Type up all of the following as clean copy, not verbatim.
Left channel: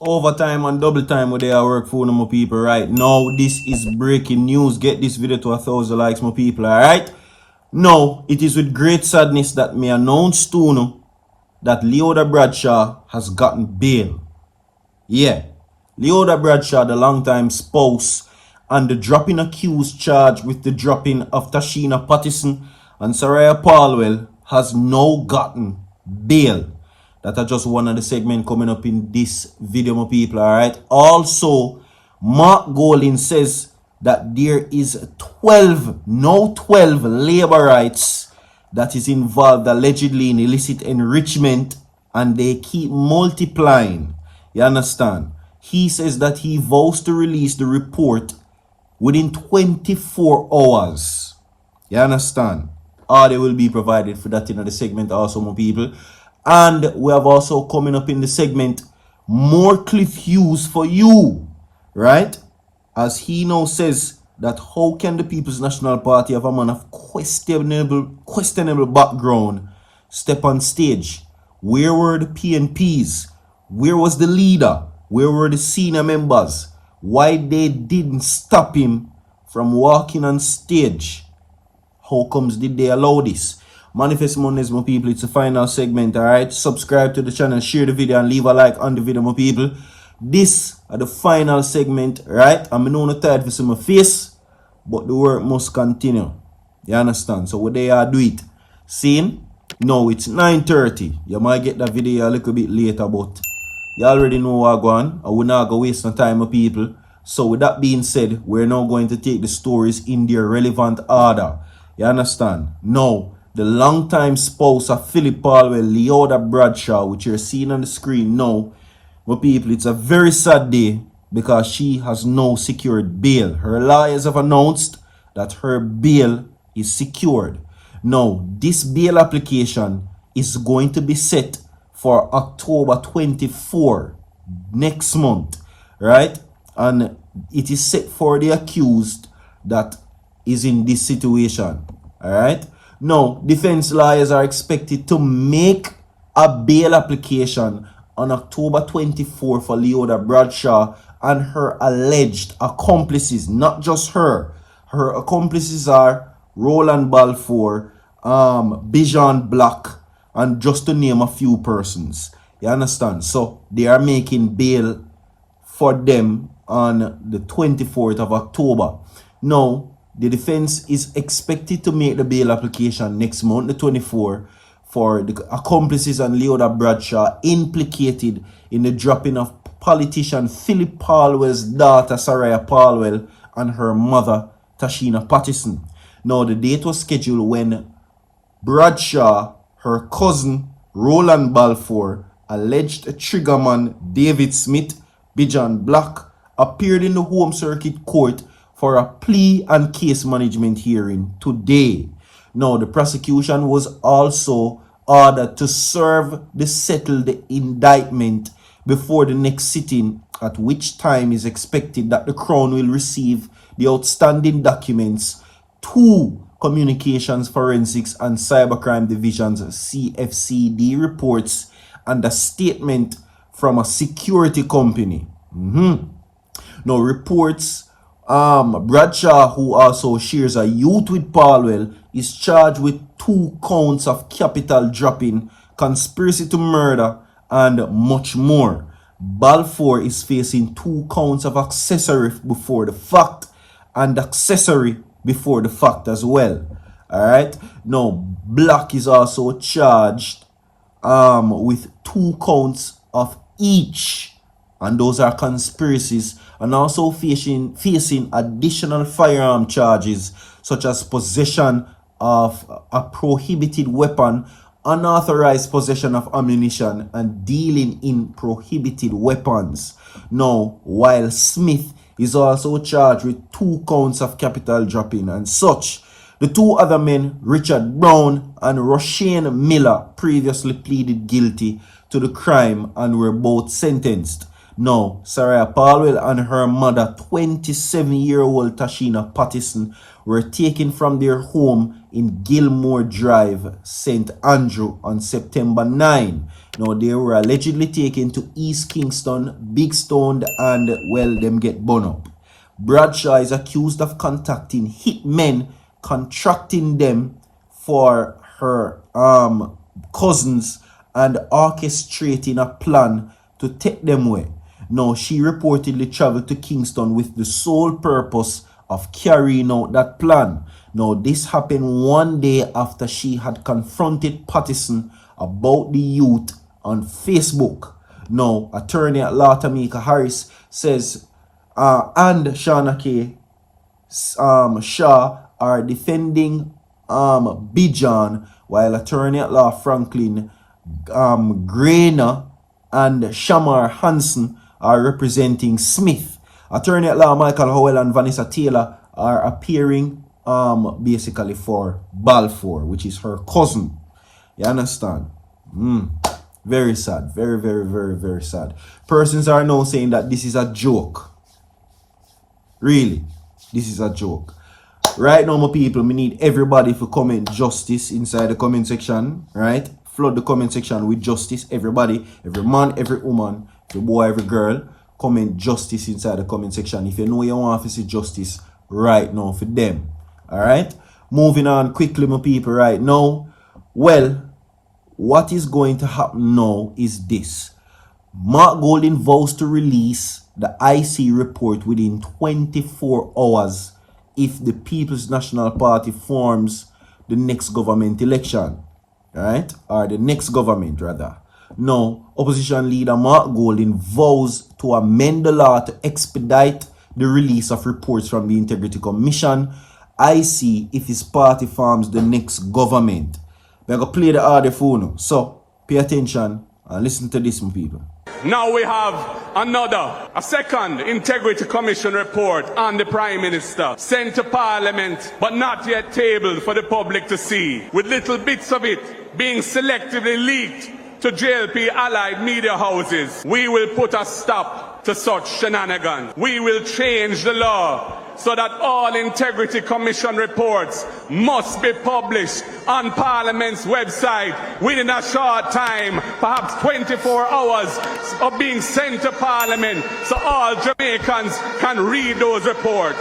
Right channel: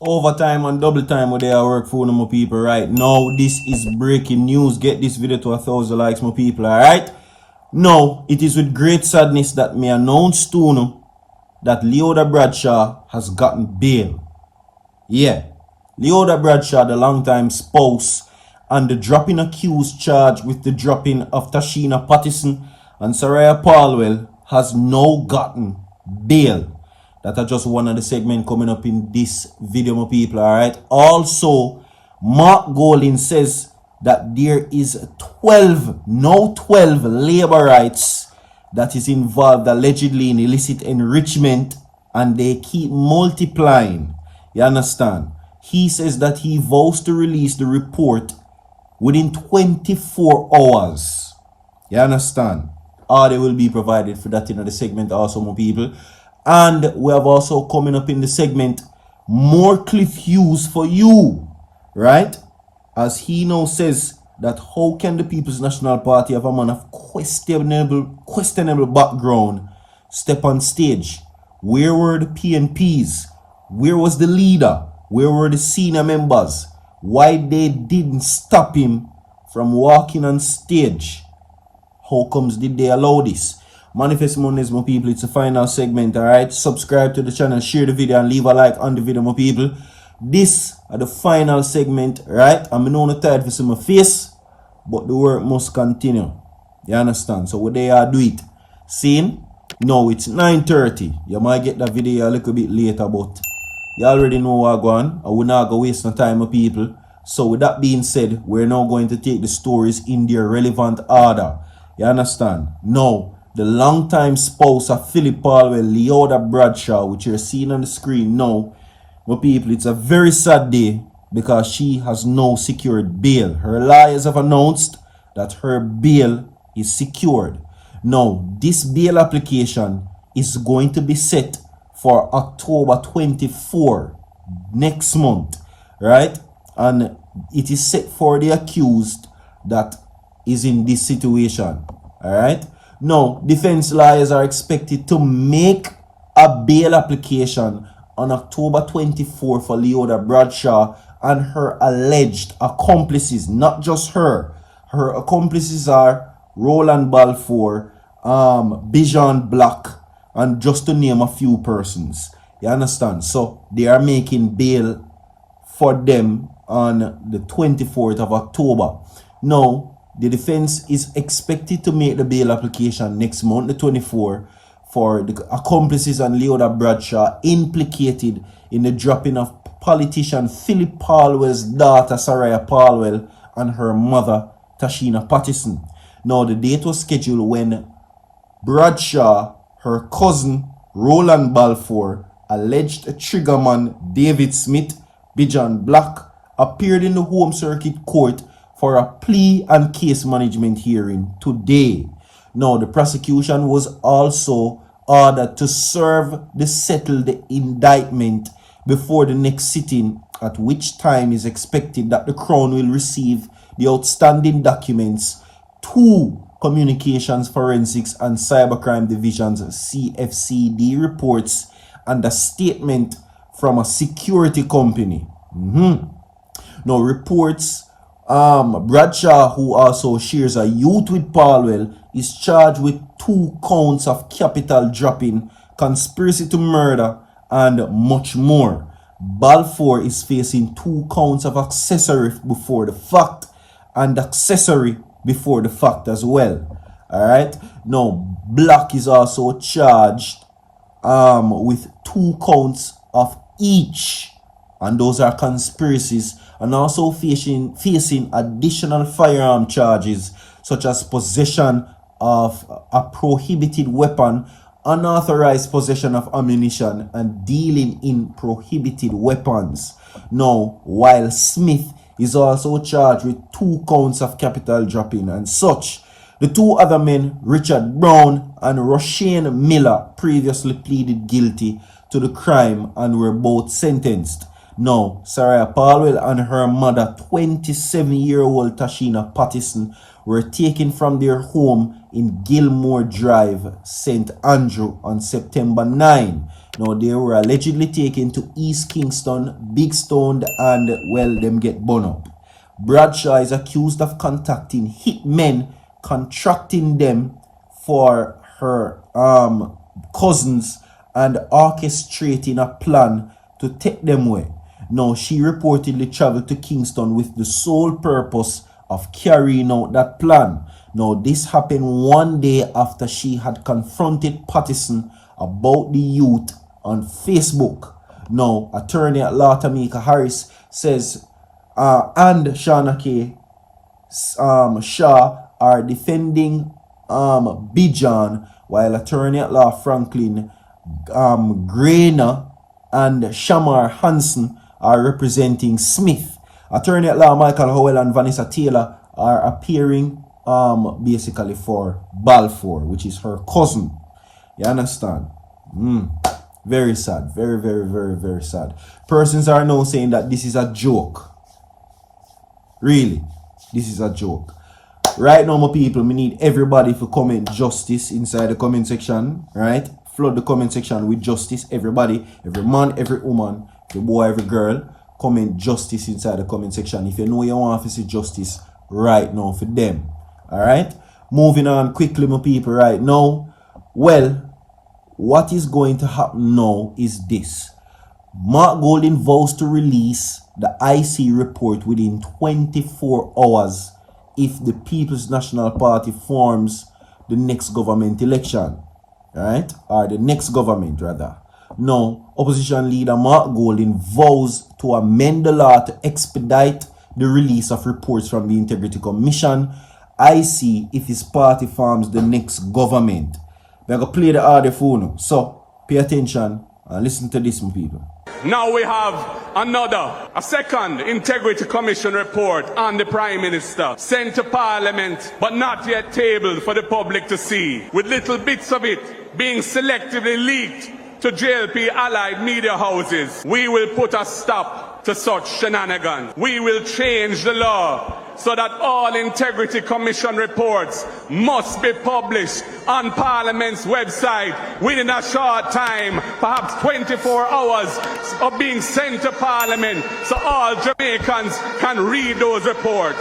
Overtime and double time where they are work for my people right now. This is breaking news. Get this video to 1,000 likes, my people, alright? Now, it is with great sadness that me announce to you that Leoda Bradshaw has gotten bail. Yeah, Leoda Bradshaw, the longtime spouse, and the dropping accused charged with the dropping of Tashina Pattison and Saraya Palwell has now gotten bail. That are just one of the segments coming up in this video, my people, alright? Also, Mark Golding says that there is 12 labor rights that is involved allegedly in illicit enrichment, and they keep multiplying. You understand? He says that he vows to release the report within 24 hours. You understand? Audio will be provided for that in the segment also, my people. And we have also coming up in the segment more Cliff Hughes for you, right? As he now says that how can the People's National Party have a man of questionable background step on stage? Where were the PNPs? Where was the leader? Where were the senior members? Why they didn't stop him from walking on stage? How comes did they allow this? Manifest Mondays, my people, it's the final segment, alright? Subscribe to the channel, share the video, and leave a like on the video, my people. This are the final segment, right? I'm not tired for some face, but the work must continue. You understand? So what they are do it. Seeing? No, it's 9:30. You might get that video a little bit later, but you already know what going on. I will not go waste no time, my people. So with that being said, we're now going to take the stories in their relevant order. You understand? Now, the longtime spouse of Philip Palwell, Leoda Bradshaw, which you're seeing on the screen now, my people, it's a very sad day because she has now secured bail. Her lawyers have announced that her bail is secured. Now, this bail application is going to be set for October 24, next month, right? And it is set for the accused that is in this situation, all right? Now, defense lawyers are expected to make a bail application on October 24 for Leoda Bradshaw and her alleged accomplices. Not just her. Her accomplices are Roland Balfour, Bijan Black, and just to name a few persons. You understand? So, they are making bail for them on the 24th of October. Now, the defense is expected to make the bail application next month, the 24th, for the accomplices and Leoda Bradshaw implicated in the dropping of politician Philip Palwell's daughter, Saraya Palwell, and her mother, Tashina Pattison. Now, the date was scheduled when Bradshaw, her cousin, Roland Balfour, alleged triggerman David Smith, Bijan Black, appeared in the Home Circuit Court for a plea and case management hearing today. Now, the prosecution was also ordered to serve the settled indictment before the next sitting, at which time is expected that the Crown will receive the outstanding documents to Communications Forensics and Cybercrime Division's CFCD reports and a statement from a security company. Now, reports Bradshaw, who also shares a youth with Palwell, is charged with 2 counts of capital dropping, conspiracy to murder, and much more. Balfour is facing 2 counts of accessory before the fact and accessory before the fact as well. Alright? Now, Black is also charged with 2 counts of each, and those are conspiracies, and also facing additional firearm charges such as possession of a prohibited weapon, unauthorized possession of ammunition, and dealing in prohibited weapons. Now, while Smith is also charged with 2 counts of capital dropping and such. The 2 other men, Richard Brown and Roshane Miller, previously pleaded guilty to the crime and were both sentenced. Now, Saraya Palwell and her mother, 27-year-old Tashina Pattison, were taken from their home in Gilmore Drive, St. Andrew on September 9. Now, they were allegedly taken to East Kingston, Big Stone, and, well, them get burned up. Bradshaw is accused of contacting hitmen, contracting them for her cousins, and orchestrating a plan to take them away. Now, she reportedly traveled to Kingston with the sole purpose of carrying out that plan. Now, this happened one day after she had confronted Pattison about the youth on Facebook. Now, attorney at law Tamika Harris says, and Shauna K. Shaw are defending Bijan, while attorney at law Franklin Grainer and Shamar Hansen are representing Smith. Attorney at law Michael Howell and Vanessa Taylor are appearing basically for Balfour, which is her cousin. You understand? Very sad. Very, very, very, very sad. Persons are now saying that this is a joke. Really, this is a joke. Right now, my people, we need everybody to comment justice inside the comment section, right? Flood the comment section with justice. Everybody, every man, every woman, every boy, every girl, comment justice inside the comment section. If you know you want to see justice right now for them. Alright? Moving on quickly, my people, right now. Well, what is going to happen now is this. Mark Golding vows to release the IC report within 24 hours if the People's National Party forms the next government election. Right? Or the next government, rather. Now, opposition leader Mark Golding vows to amend the law to expedite the release of reports from the Integrity Commission, IC, if his party forms the next government. We're going to play the audio for now. So, pay attention and listen to this, my people. Now we have a second Integrity Commission report on the Prime Minister sent to Parliament but not yet tabled for the public to see, with little bits of it being selectively leaked to JLP allied media houses. We will put a stop to such shenanigans. We will change the law so that all Integrity Commission reports must be published on Parliament's website within a short time, perhaps 24 hours of being sent to Parliament, so all Jamaicans can read those reports.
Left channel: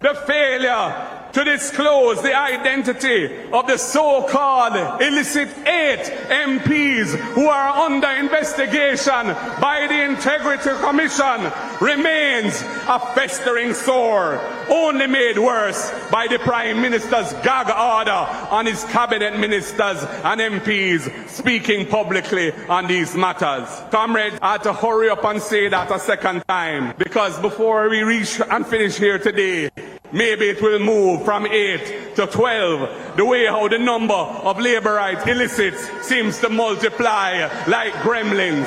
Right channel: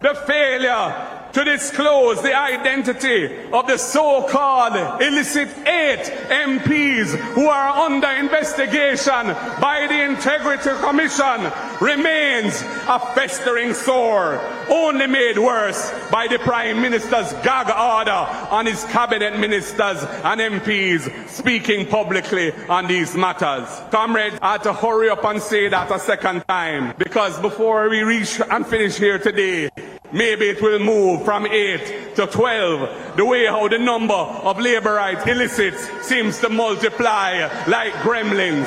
The failure to disclose the identity of the so-called illicit 8 MPs who are under investigation by the Integrity Commission remains a festering sore, only made worse by the Prime Minister's gag order on his cabinet ministers and MPs speaking publicly on these matters. Comrades, I had to hurry up and say that a second time, because before we reach and finish here today, maybe it will move from 8 to 12, the way how the number of labor rights illicits seems to multiply like gremlins.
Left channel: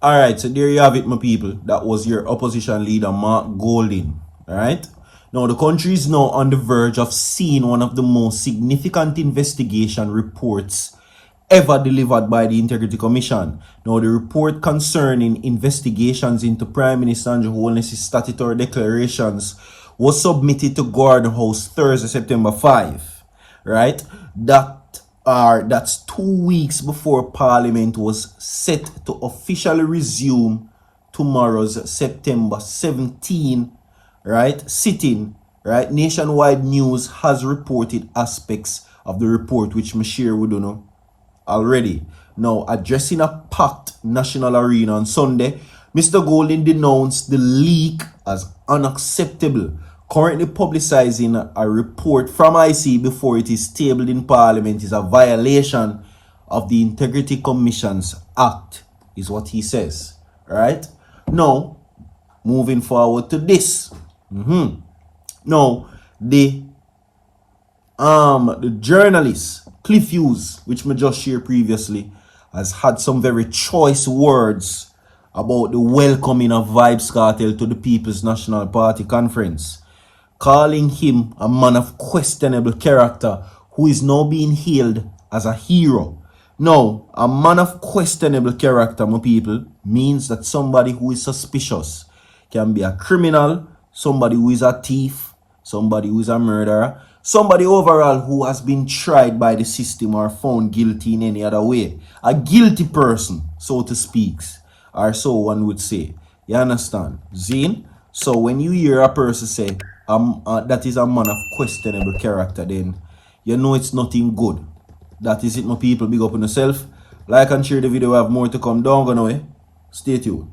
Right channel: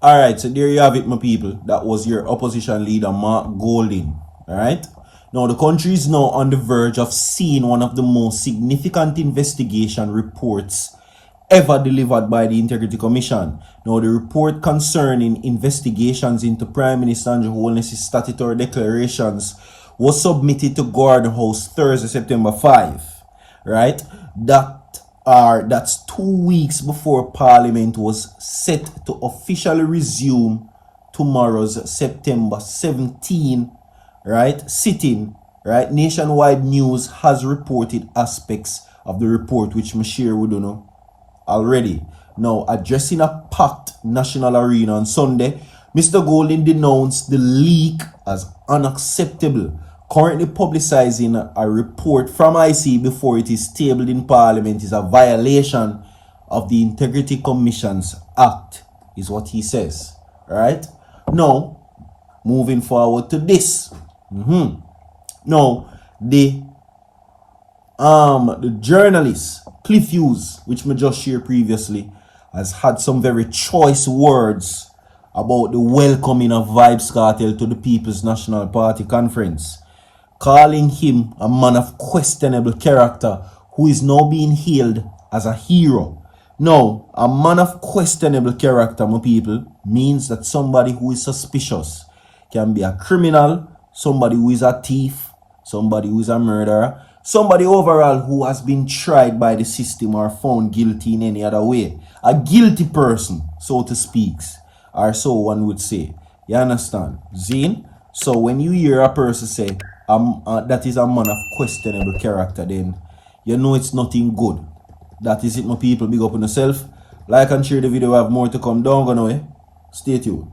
Alright, so there you have it, my people. That was your opposition leader, Mark Golding. Alright? Now, the country is now on the verge of seeing one of the most significant investigation reports ever delivered by the Integrity Commission. Now, the report concerning investigations into Prime Minister Andrew Holness's statutory declarations was submitted to Gordon House Thursday, September 5. Right? That's 2 weeks before Parliament was set to officially resume tomorrow's September 17, right, sitting. Right? Nationwide News has reported aspects of the report which me share with you know already. Now, addressing a packed national arena on Sunday, Mr. Golding denounced the leak as unacceptable, currently publicizing a report from IC before it is tabled in Parliament is a violation of the Integrity Commission's Act, is what he says. Right? Now, moving forward to this. Now, the journalist Cliff Hughes, which me just shared previously, has had some very choice words about the welcoming of Vybz Kartel to the People's National Party conference, calling him a man of questionable character who is now being hailed as a hero. Now, a man of questionable character, my people, means that somebody who is suspicious, can be a criminal, somebody who is a thief, somebody who is a murderer, somebody overall who has been tried by the system or found guilty in any other way. A guilty person, so to speak, or so one would say. You understand? Zane? So when you hear a person say that is a man of questionable character, then you know it's nothing good. That is it, my people. Big up on yourself. Like and share the video. We have more to come. Don't go away. Stay tuned.